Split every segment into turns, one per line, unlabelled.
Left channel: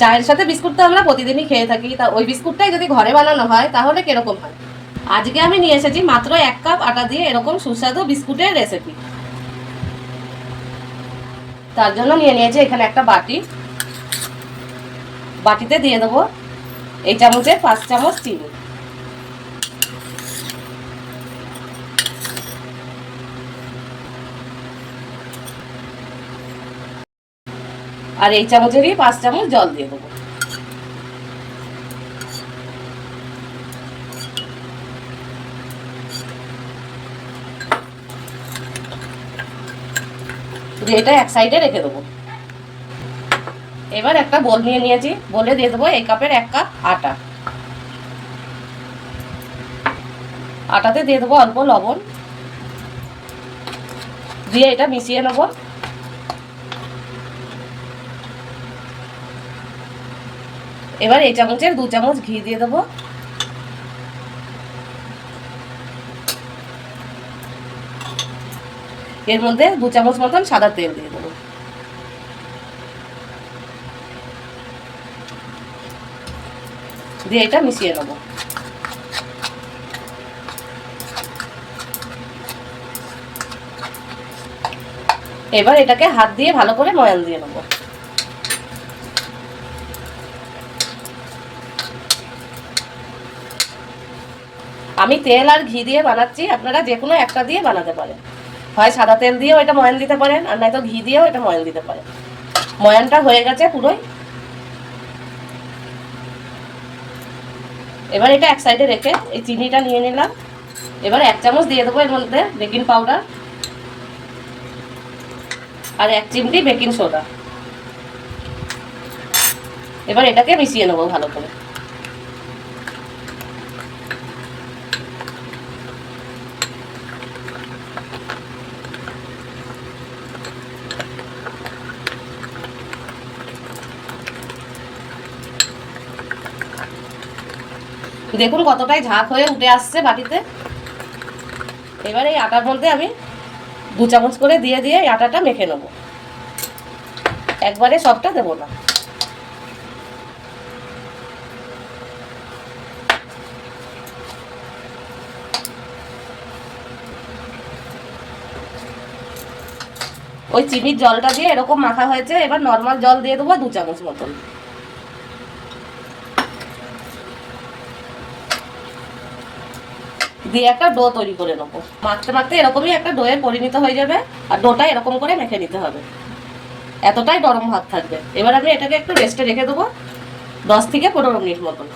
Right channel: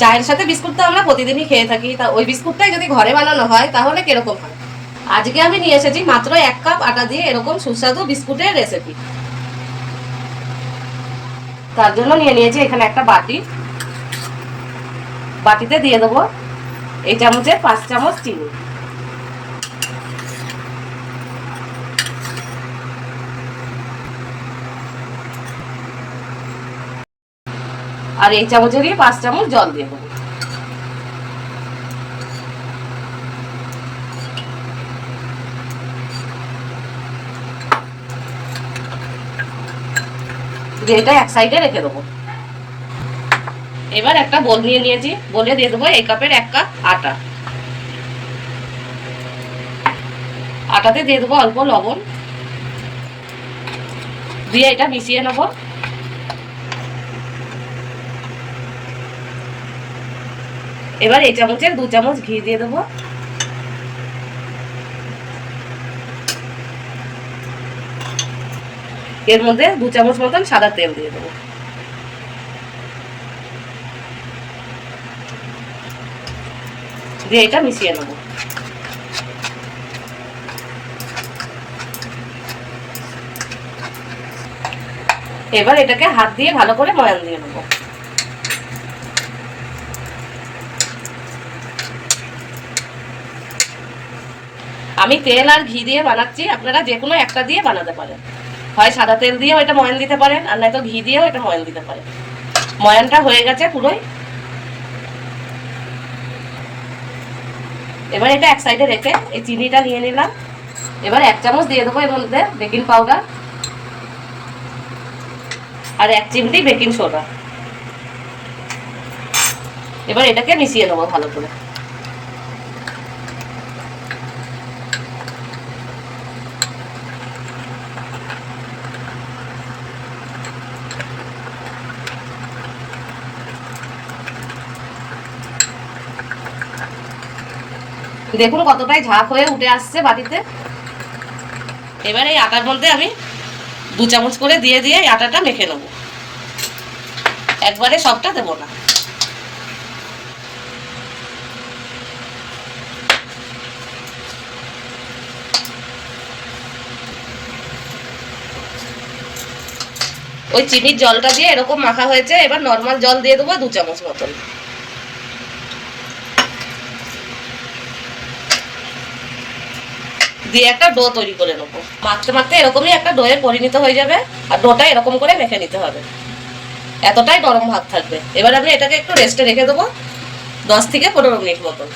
চায়ের সাথে বিস্কুট তো আমরা প্রতিদিনই খেয়ে থাকি। তা ওই বিস্কুটটাই যদি ঘরে বানানো হয়, তাহলে কীরকম হয়? আজকে আমি নিয়ে এসেছি মাত্র এক কাপ আটা দিয়ে এরকম সুস্বাদু বিস্কুটের রেসিপি তার জন্য নিয়ে নিয়েছি এখানে একটা বাটি। বাটিতে দিয়ে দেবো এই চামচের পাঁচ চামচ চিনি। আর এই চামচেরই পাঁচ চামচ জল দিয়ে দেবো। এটা এক সাইডে রেখে দেবো। এবার একটা বোল নিয়ে নিয়েছি। বলে দিয়ে দেবো এই কাপের এক কাপ আটা। আটাতে দিয়ে দেবো অল্প লবণ। দিয়ে এটা মিশিয়ে নেব। এবার এই চামচের দু চামচ ঘি দিয়ে দেবো। এর মধ্যে দু চামচ মতন সাদা তেল দিয়ে দেবো। দিয়ে এটা মিশিয়ে নেব। এবার এটাকে হাত দিয়ে ভালো করে ময়ান দিয়ে নেব। আমি তেল আর ঘি দিয়ে বানাচ্ছি, আপনারা যে কোনো একটা দিয়ে বানাতে পারেন। হয় সাদা তেল দিয়েও এটা ময়ান দিতে পারেন, আর নয়তো ঘি দিয়েও এটা ময়ান দিতে পারেন। ময়ানটা হয়ে গেছে পুরোই। এবার এটা এক সাইডে রেখে এই চিনিটা নিয়ে নিলাম। এবার এক চামচ দিয়ে দেবো এর মধ্যে বেকিং পাউডার আর এক চিমটি বেকিং সোডা। এবার এটাকে মিশিয়ে নেব ভালো করে। দেখুন কতটাই ঝাঁক হয়ে উঠে আসছে বাটিতে। এবার এই আটার মধ্যে আমি দু চামচ করে দিয়ে দিয়ে এই আটাটা মেখে নেব। একবারে সবটা দেবো না। ওই চিনির জলটা দিয়ে এরকম মাখা হয়েছে, এবার নর্মাল জল দিয়ে দেবো দু চামচ মতন। দিয়ে একটা ডো তৈরি করে নেব। মাখতে মাখতে এরকমই একটা ডোয়ে পরিণত হয়ে যাবে আর ডোটা এরকম করে মেখে নিতে হবে। এতটাই নরম ভাব থাকবে। এবার আমি এটাকে একটু রেস্টে রেখে দেবো দশ থেকে পনেরো মিনিট মতন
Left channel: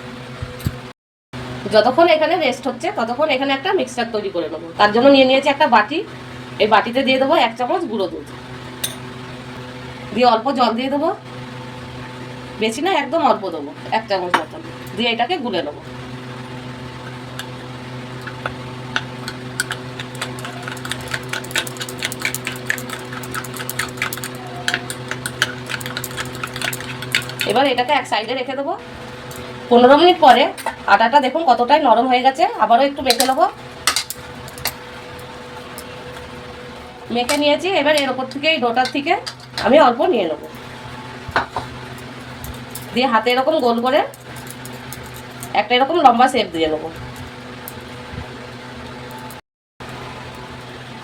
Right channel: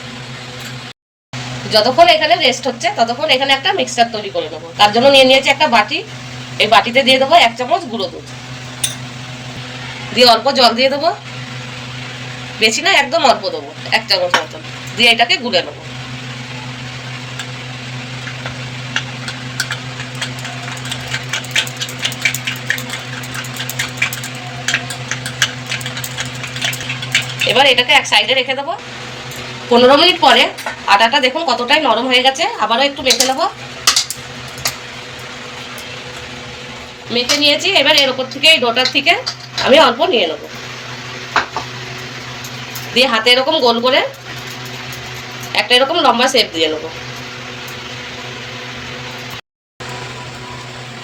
যতক্ষণ এখানে রেস্ট হচ্ছে, ততক্ষণ এখানে একটা মিক্সচার তৈরি করে নেব। তার জন্য নিয়ে নিয়েছি একটা বাটি। এই বাটিতে দিয়ে দেবো এক চামচ গুঁড়ো দুধ। দিয়ে অল্প জল দিয়ে দেবো। বেশি না, একদম অল্প দেবো, এক চামচ মতন। দিয়ে এটাকে গুলে নেব। এবার এটাকে এক সাইডে রেখে দেবো। পনেরো মিনিট পরে আটাটা দেখুন কতটাই নরম হয়ে গেছে, আবারও একটু মেখে নেব। মেখে নিয়েছি, এবার এর ওপর থেকে এই ডোটার থেকে আমি অল্প নিয়ে নেব। দিয়ে হাতে এরকম গোল করে একটা এরকম লম্বা শেপ দিয়ে নেব।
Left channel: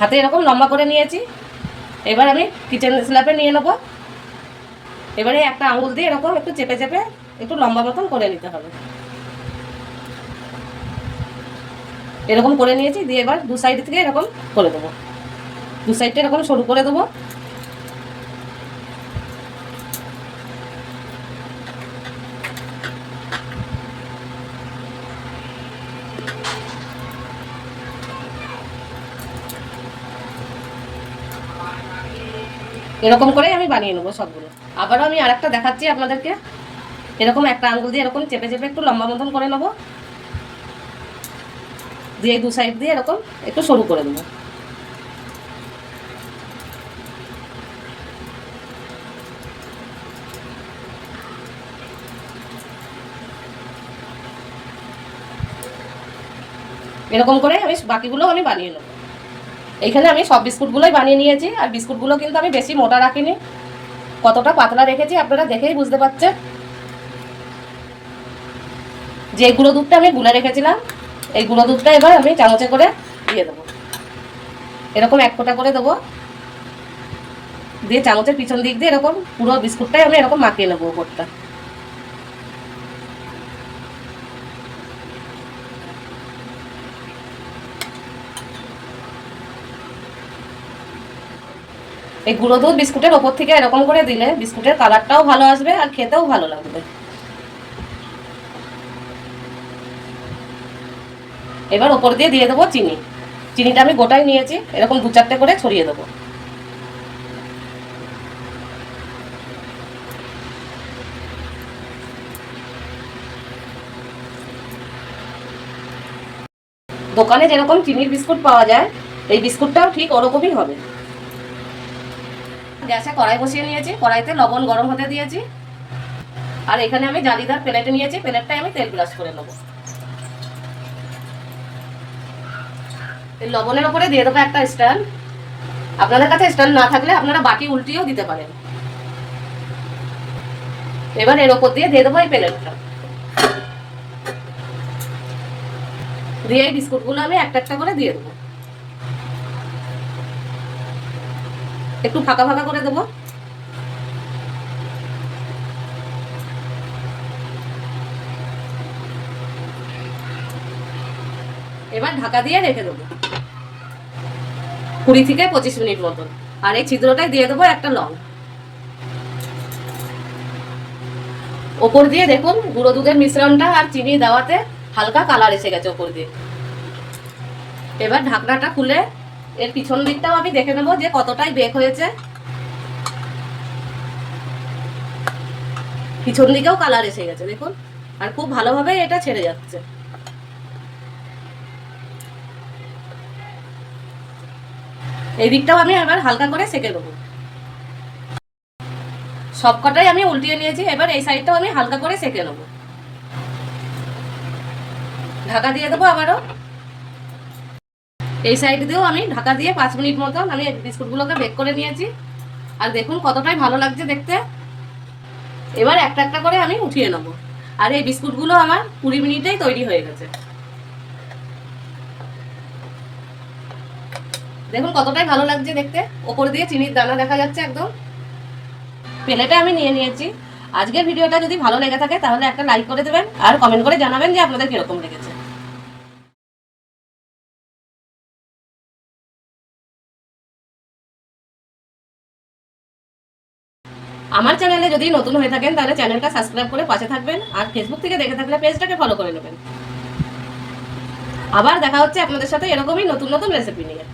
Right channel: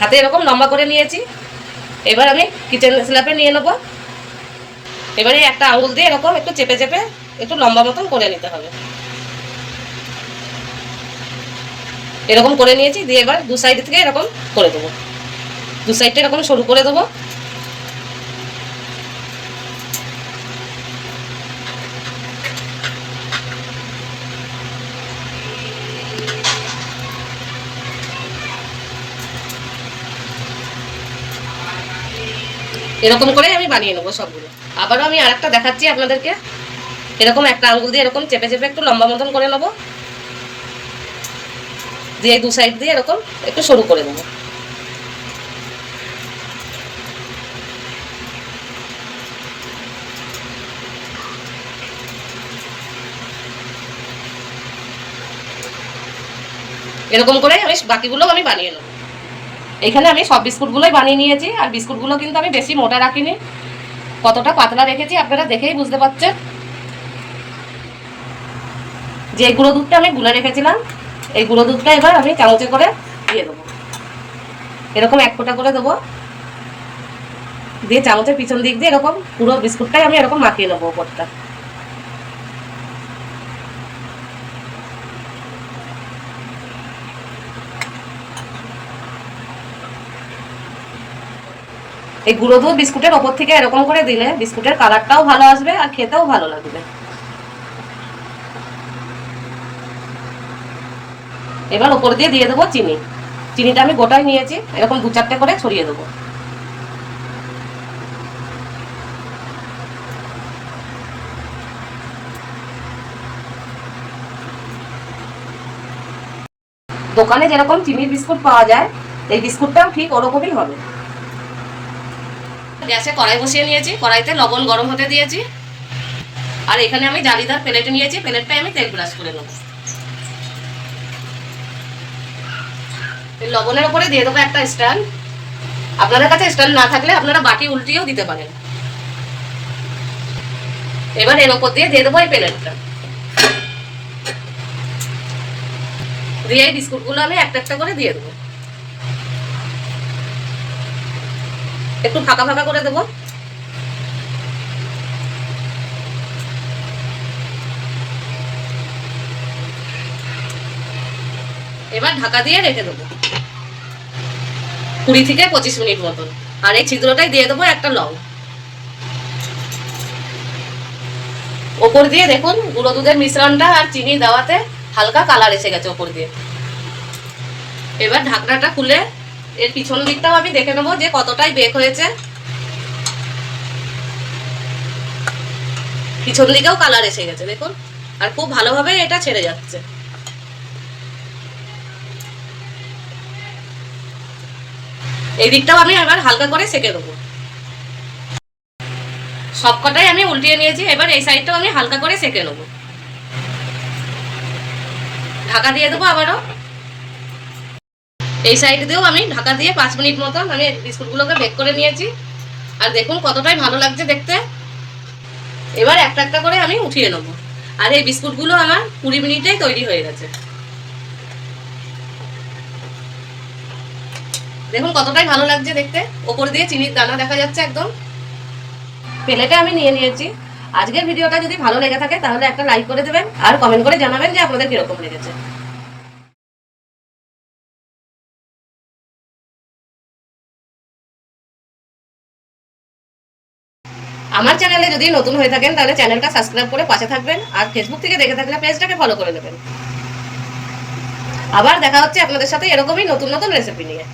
হাতে এরকম লম্বা করে নিয়েছি। এবার আমি কিচেন স্ল্যাপে নিয়ে নেব। এবারে একটা আঙুল দিয়ে এরকম একটু চেপে চেপে একটু লম্বা মতন করে নিতে হবে। এরকম করে নিয়েছি, দিয়ে এবার দু সাইড থেকে এরকম করে দেবো। দু সাইডটা এরকম সরু করে দেবো। এরকম করে আমি বানিয়ে নেব সবগুলো। আবারও আমি আর একটা দেখাচ্ছি আপনাদেরকে। এরকম একটা আঙুল দিয়ে এরকম চেপে চেপে একটু লম্বা মতন করে নেব। দিয়ে দু সাইড দিয়ে এরকম একটু সরু করে দেবো। এরকম করে আমি বাকিগুলো আমি বানিয়ে নেব। এখানে আমি সব বিস্কুটগুলোই বানিয়ে নিয়েছি, আর বিস্কুটগুলো কিন্তু আমি বেশি মোটা রাখিনি। কতটা পাতলা রেখেছি আপনারা দেখেই বুঝতে পারছেন। যে গুঁড়ো দুধটা আমি গুলে রেখেছিলাম, এই গুঁড়ো দুধটা এবার আমি চামচে করে দিয়ে দেবো। এরকম এক ফোঁটা করে দেবো। দিয়ে চামচের পিছন দিক দিয়ে এরকম পুরো বিস্কুটটাই আমি এরকম মাখিয়ে নেব ওপরটা। এই গুঁড়ো দুধ বিস্কুটের ওপর থেকে এরকম করে দিলে বিস্কুটের কালারটাও ভালো আসবে আর খেতেও ভালো লাগবে। এবার ওপর দিয়ে দিয়ে দেবো চিনি। চিনিটা আমি গোটাই নিয়েছি, এরকম দু চারটে করে ছড়িয়ে দেবো। দোকানে যেরকম চিনির বিস্কুট পাওয়া যায়, এই বিস্কুটটাও ঠিক ওরকমই হবে। গ্যাসে কড়াই বসিয়ে নিয়েছি, কড়াইতে লবণ গরম হতে দিয়েছি। আর এখানে আমি জালিদার প্লেট নিয়েছি, প্লেটটায় আমি তেল ব্রাশ করে নেব। লবণের ওপরে দিয়ে দেবো একটা স্ট্যান্ড। আপনাদের কাছে স্ট্যান্ড না থাকলে আপনারা বাটি উল্টিয়েও দিতে পারেন। এবার এর ওপর দিয়ে দিয়ে দেবো এই প্লেটটা। দিয়ে এই বিস্কুটগুলো আমি একটা একটা করে দিয়ে দেবো। একটু ফাঁকা ফাঁকা করে দেবো। এবার ঢাকা দিয়ে রেখে দেবো। কুড়ি থেকে পঁচিশ মিনিট মতন। আর এই ছিদ্রটাই দিয়ে দেবো একটা লং। ওপর দিয়ে দেখুন, গুঁড়ো দুধের মিশ্রণটা আর চিনি দেওয়াতে হালকা কালার এসে গেছে ওপর দিয়ে। এবার ঢাকনাটা খুলে এর পিছন দিকটাও আমি দেখে নেব যে কতটাই বেক হয়েছে। পিছন দিকেও কালার এসে গেছে, দেখুন। আর খুব ভালোভাবে এটা ছেড়ে যাচ্ছে। এই দিকটাও আমি এবার হালকা করে সেকে দেবো সবকটাই আমি উল্টিয়ে নিয়েছি, এবার এই সাইডটাও আমি হালকা করে সেকে নেব। ঢাকা দিয়ে দেবো আবারও। এই সাইড দিয়েও আমি ঢাকা দিয়ে পাঁচ মিনিট মতন আমি বিস্কুটগুলোকে বেক করে নিয়েছি। আর দেখুন কতটাই ভালো লাগছে দেখতে। এবার একটা একটা করে আমি উঠিয়ে নেব। আর এই বিস্কুটগুলো আমার কুড়ি মিনিটেই তৈরি হয়ে গেছে। দেখুন কতটাই ভালো লাগছে দেখতে। ওপর দিয়ে চিনির দানা দেখা যাচ্ছে একদম। প্লেটে আমি নিয়ে নিয়েছি। আজকের ভিডিওটা যদি ভালো লেগে থাকে তাহলে একটা লাইক করে দেবেন। আর কমেন্ট করে জানাবেন যে আপনাদের কীরকম লেগেছে। আমার চ্যানেলে যদি নতুন হয়ে থাকেন, তাহলে চ্যানেলটা সাবস্ক্রাইব করে পাশে থাকবেন আর ফেসবুক থেকে দেখে থাকলে পেজটাকে ফলো করে নেবেন। আবার দেখা হচ্ছে আপনাদের সাথে এরকমই নতুন নতুন রেসিপি নিয়ে।